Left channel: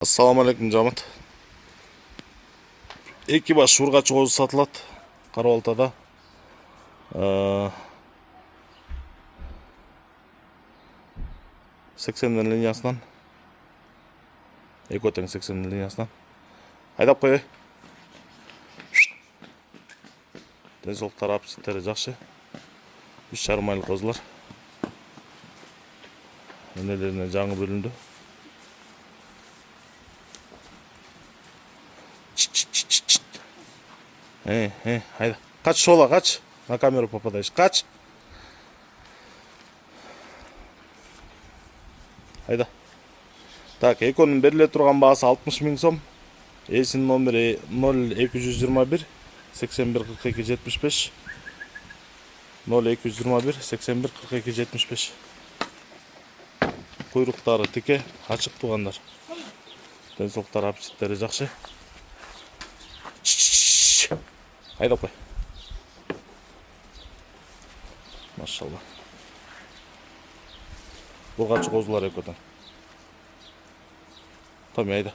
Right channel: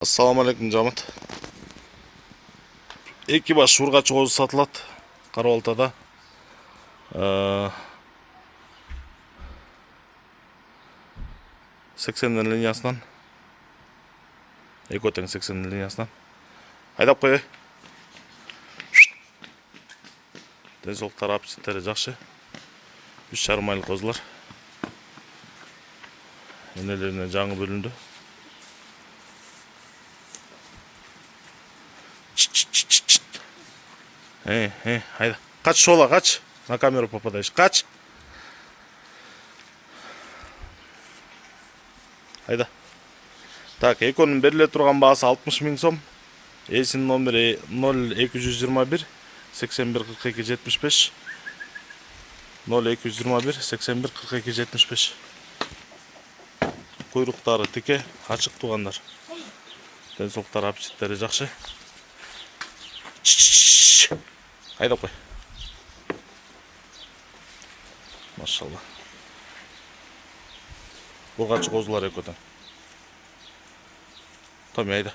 Assalamualaikum жамат. Эки баш ургач козу сатылат Кара Балтада. 80 линиясынан. Экотен 80 линиясынан. Айдап коёй. Денсаулыктары аппетиттери жакшы. 3,5 айлык козулар. Энелерине жаңы бөлүндү. Haydi. Kaç sola kaç. На камеру попадаешь. Kaç. Haydi. Так, эконун бериле турган баасы 60 000 сом. Эсинин номери 0221 81 42 75. 0221 81 42 75. Куйруктары тике, ачык тугандар. Денсаулыктары аппетиттери жакшы. Айдап кой. Машалла. Ургач козулар экотен. Томи айда.